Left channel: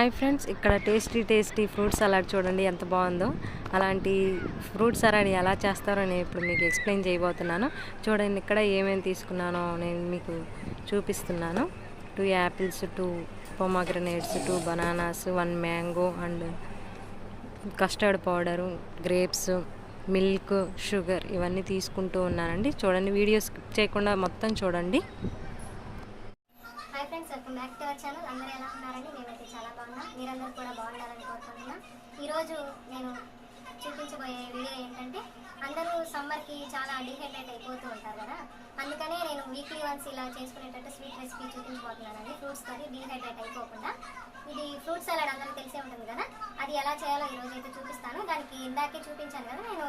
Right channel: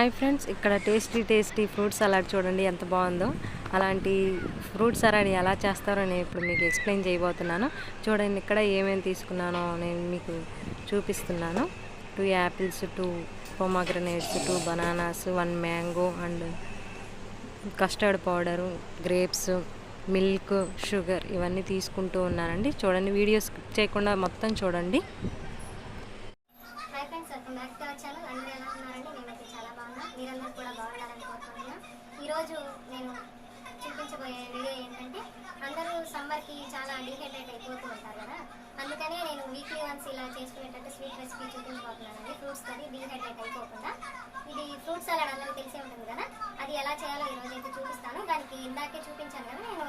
Hi friends, ఇక్కడ tasty fruit salad చూడండి ఎంత బాగుందో. అలాంటి ఫ్రూట్ సలాడ్ ఎలా చేస్తారో నేను ఇప్పుడు మీకు ఎక్స్ప్లెయిన్ చేయబోతున్నాను. చూడండి ఇక్కడ ఏమేమి తీసుకున్నానో నేను మీకు చూపిస్తున్నాను. 2 apples, 2 పొమాగ్రనేట్స్, 2 bananas, 1 mango and custard powder, grapes, milk, sugar ఇవన్నీ తీసుకుంటూ ఉన్నానండి. చూడండి, వీడియో స్కిప్ చేయకుండా మొత్తం చూడండి. మీరందరూ కూడా బాగుండాలని కోరుకుంటున్నా. ఈరోజు నేను చూపించబోయే వీడియో ఏంటంటే, అందరూ సమ్మర్కి చాలా డిహైడ్రేట్ అయిపోతూ ఉంటారు కదా, అందుకనే నేను వీక్లీ వన్స్ ఇలా చేసుకునేటట్టు స్వీట్ రెసిపీ చూపించబోతున్నానండి. ఫ్రూట్స్తో డిహైడ్రేట్ అయిపోకుండా. ఇది ఫ్రూట్ సలాడ్ అందరూ తెలిసే ఉంటుంది కదా, అది ఎలా చేయాలో ఈరోజు అయితే చూపిస్తాను. దానికి ఇందాకే చూపించాను కదా నేను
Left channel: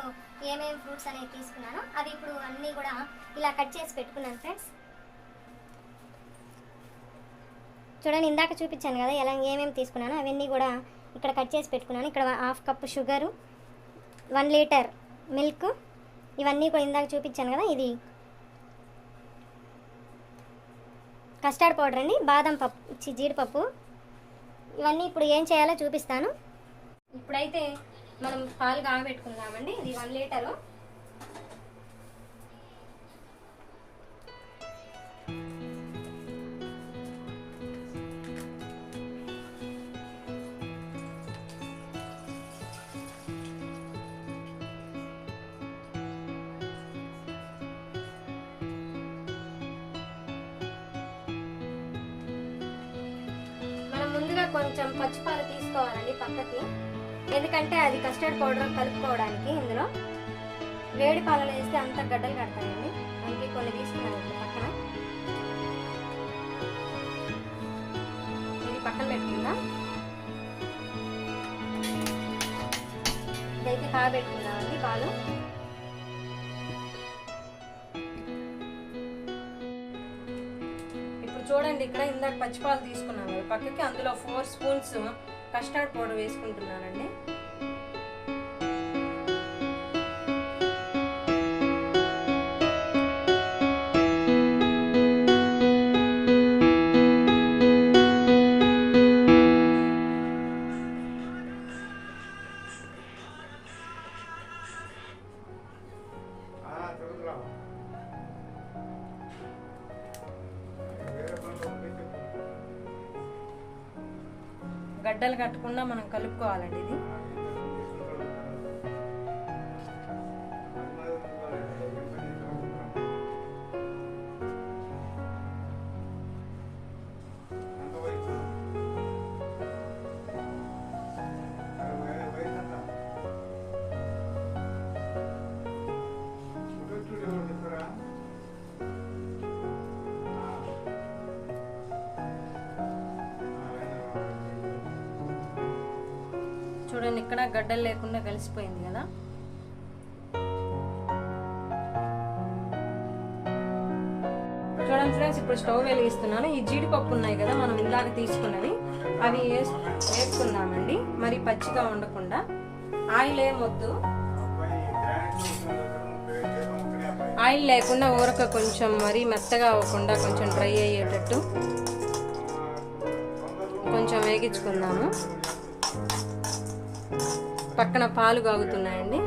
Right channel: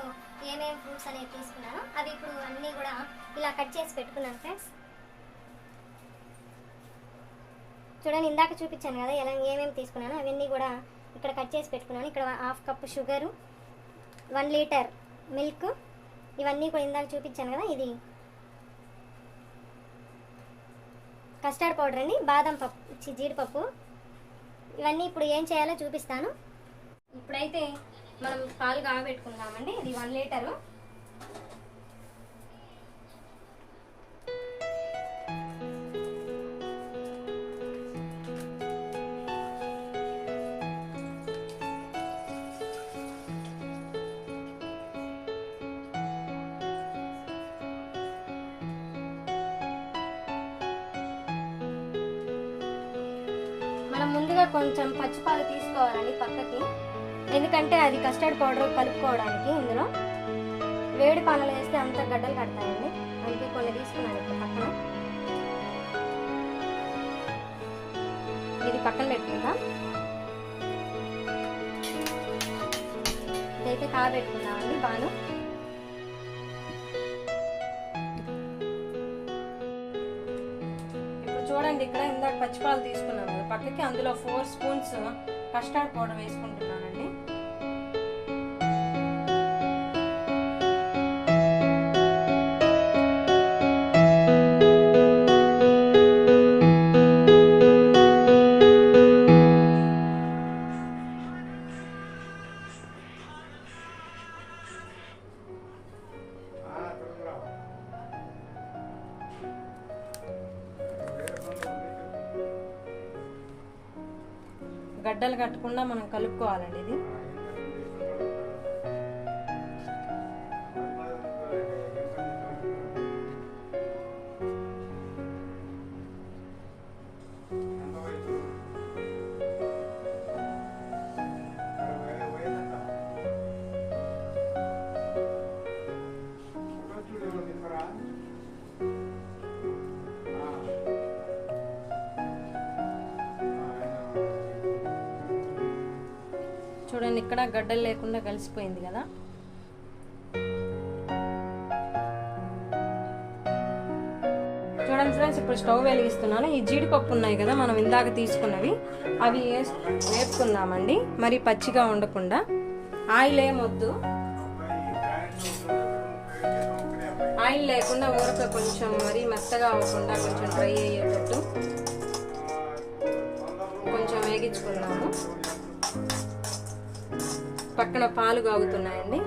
ఏమేమి ఫ్రూట్స్ అనేవి తీసుకున్నాను, అవి ఇప్పుడు అన్నీ కూడా ఇలా కట్ చేసి పెట్టుకున్నాను ఫ్రెండ్స్. చూడండి, ఇందాక చూపించాను కదా ఎలా ఏమేమి తీసుకున్నాను, అవన్నీ కూడా ఇక్కడ కట్ చేసి పెట్టుకున్నాను. ఇక్కడ 1/2 కప్పు షుగరు, 1 లీటర్ మిల్క్, ఇవన్నీ కూడా ఇందాక చూపించాను కదా. ఇది కస్టర్డ్ పౌడర్ అండి, బాదం పప్పు, జీడిపప్పు. ఇవన్నీ ఇప్పుడు ఏం చేయాలో చూపిస్తాను. ఇప్పుడైతే మనం పాలు కాగబెట్టుకుందామండి. ఇది 1 లీటరు. మనం ముందుగా కొంచెం పచ్చిపాలు తీసుకోవాలండి పక్కకి, ఎందుకంటే అది కస్టర్డ్ పౌడర్ కలుపుకోవడానికి. ఇందులో వేడి పాలలో వేస్తే అంత గడ్డలు కడతాయండి, అందుకే కొన్ని తీసుకున్నాను ఇప్పుడు పక్కన. ఇది పక్కన పెట్టుకుందాం. ఇదైతే కాగబెట్టుకుందామండి పాలు. చూడండి, ఇక్కడ ఇందాక పచ్చిపాలు తీసుకున్నాను పక్కకి, అందులో 4 స్పూన్స్ కస్టర్డ్ పౌడర్ వేసుకుంటున్నానండి. గడ్డలు కట్టకుండా మనం కలుపుకోవాలండి ఇది. చూడండి, ఇక్కడ గడ్డలు లేకుండా కలిసిపోయింది కదా. చూడండి ఫ్రెండ్స్, ఇప్పుడు స్టవ్ వెలిగిస్తున్నాను. ఈ జీడిపప్పు ఉన్నాయి కదా మనం ఇందాక తీసుకున్నవి, అవి వేసుకుందామండి. మరి పచ్చిగా ఉండకుండా. ఆయిల్ ఏమొద్దు, ఆయిల్ లేకుండా ఊరక కొంచెం మరీ మెత్తగా అవ్వకుండా కొంచెం డ్రై అయ్యేటట్టు కొంచెం వేగించుకుందాము. పక్కన పాలు కాగుతున్నాయండి.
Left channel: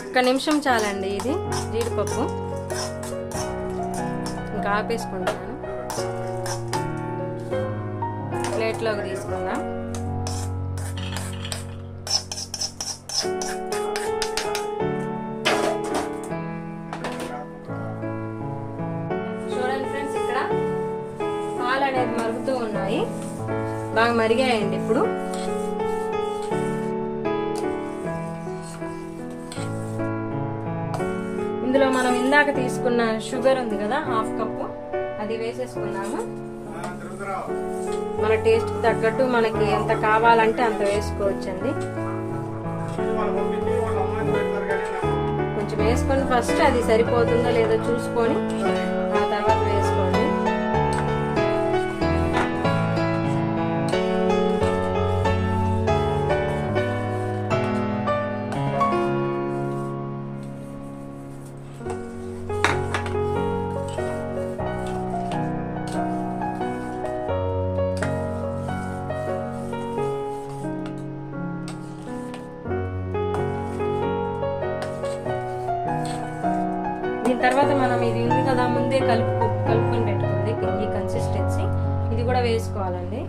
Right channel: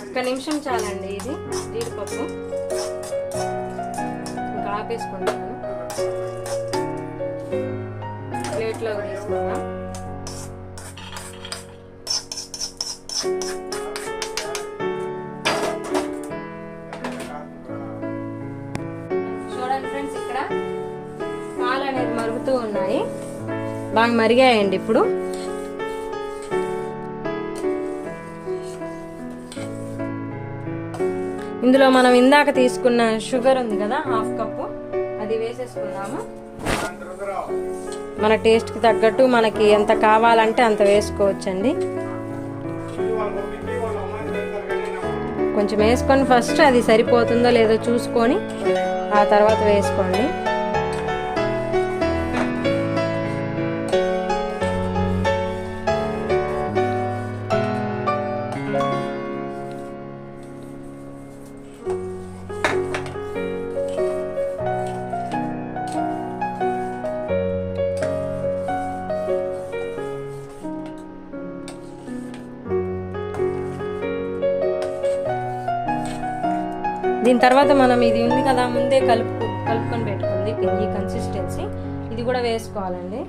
ఒక్క నిమిషం చాలండి. ఇది జీడిపప్పు ఇంకా ఆపేసుకుంటాను. ప్లేట్లోకి తీసుకుందాం. చూడండి ఫ్రెండ్స్, ఇక్కడ పాలు అనేది మరుగుతూ ఉన్నాయి, బాగా మరిగాయండి. ఇప్పుడు ఇందులో మనం ఇందాక తీసుకున్న షుగర్ ఉంది కదా 1/2 కప్పు, అది వేసేసుకుందాము. మన టేస్ట్కి తగ్గట్టు మనకి ఎంత కావాలంటే అంత వేసుకోవచ్చండి. కొంచెం వేసుకొని ఫస్ట్ అది సరిపోతుందో లేదో చూసుకొని ఆ తర్వాత వేసుకోండి. దీని తర్వాత మనం ఇది ఉంది కదా ముందే కలుపుకొని పెట్టుకుంది ఈ కన్సిస్టెన్సీ, ఇది కూడా వేసుకోవాలండి.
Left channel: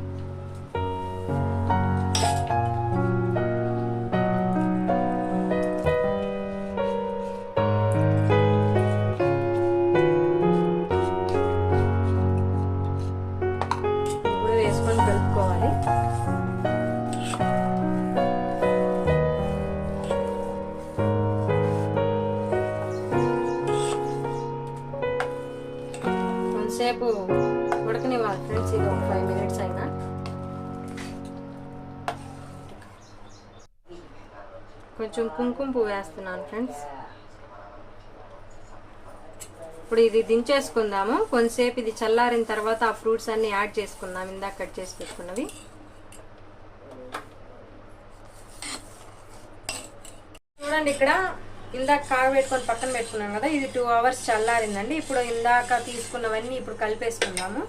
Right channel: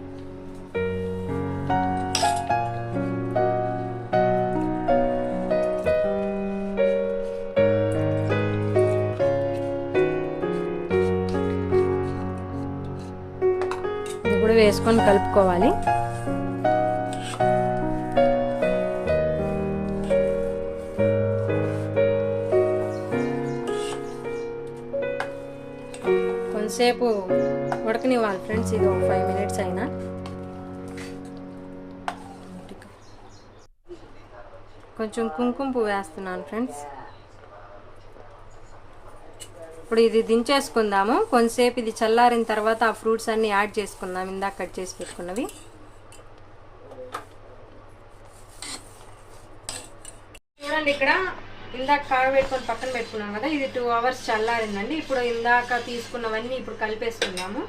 ఇది కూడా వేసుకొని కలుపుకోవాలి. కొంతసేపు ఉడకనివ్వాలి ఫ్రెండ్స్, ఇది ఒక 5 minutes అయినా. కొంచెం కుంకుమ పువ్వు వేస్తున్నాను ఫ్రెండ్స్. ఇప్పుడు ఇది దించేసుకుందాము. కొంతసేపు ఇది చల్లారిన తర్వాత ఆ ఫ్రూట్స్ అన్ని యాడ్ చేసుకుందాం, ఇందాక కట్ చేసి పెట్టుకున్నవి. చూడండి, ఇక్కడ ఇందాక కాగబెట్టుకొని పక్కన పెట్టుకున్నాం కదా, ఇది 2 hours చల్లారిందండి. ఇప్పుడు ఇందాక తీసుకున్నవన్నీ ఇప్పుడు కలిపేసుకుందాము.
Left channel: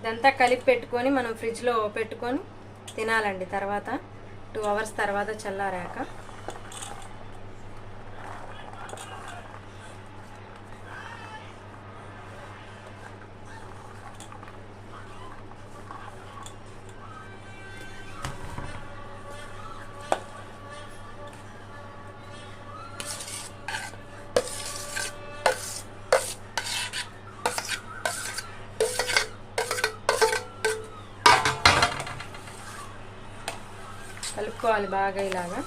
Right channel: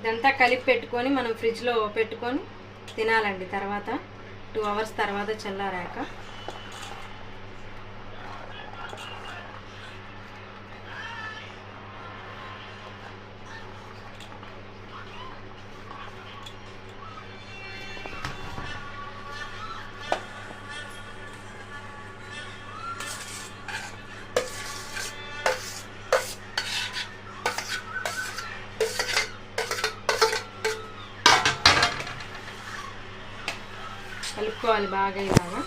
ఇదంతా కలిపి పెట్టుకొని మనం ఫ్రిడ్జ్లో పెట్టుకొని తినాలండి. తర్వాత 2 hours తర్వాత చల్లారాక. కలుపుకోవాలి బాగా ఇలాగా.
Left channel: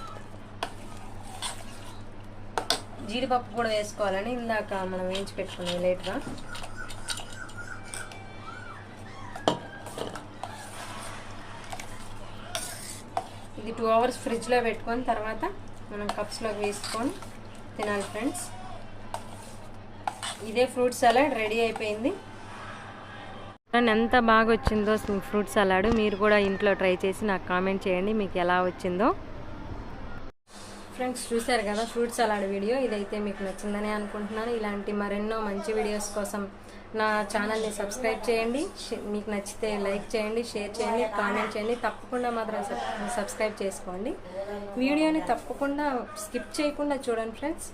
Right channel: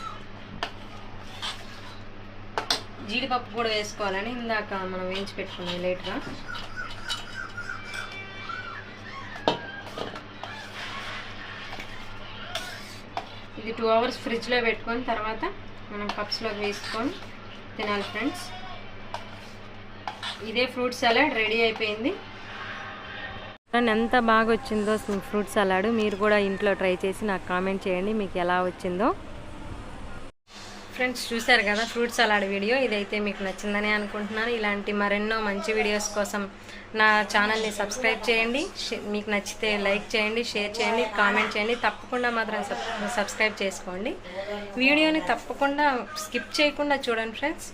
జీడిపప్పు కూడా వేసుకోవాలని ఇందాక మనం వేయించి పెట్టుకున్నాం లేట్గా. ఇది 2 hours ఫ్రిడ్జ్లో పెట్టుకొని తర్వాత మనం కప్స్లోకి వేసుకొని తినాలి ఫ్రెండ్స్. ఇదే ఫ్రూట్ సలాడ్ రెడీ అయిపోయింది. ఎంత బాగా వచ్చిందో ఫ్రూట్ సలాడ్, మీరు కూడా ఇంట్లో ట్రై చేసి నాకు కామెంట్ చేయండి మీకు ఎలా వచ్చిందో. ఫ్రెండ్స్ చూశారు కదా ఫ్రూట్ సలాడ్ వీడియో, ఇదైతే మీకు నచ్చిందని అనుకుంటున్నాను. ఇలాంటి మరెన్నో మంచి వీడియోస్ కోసం నా ఛానల్ని సబ్స్క్రైబ్ చేయండి. మీకు నచ్చితే లైక్ చేయండి, షేర్ చేయండి, కామెంట్ చేయండి. తప్పకుండా మాత్రం సబ్స్క్రైబ్ చేసుకోండి. వీడియోని తప్పకుండా స్కిప్ చేయకుండా చూడండి ఫ్రెండ్స్.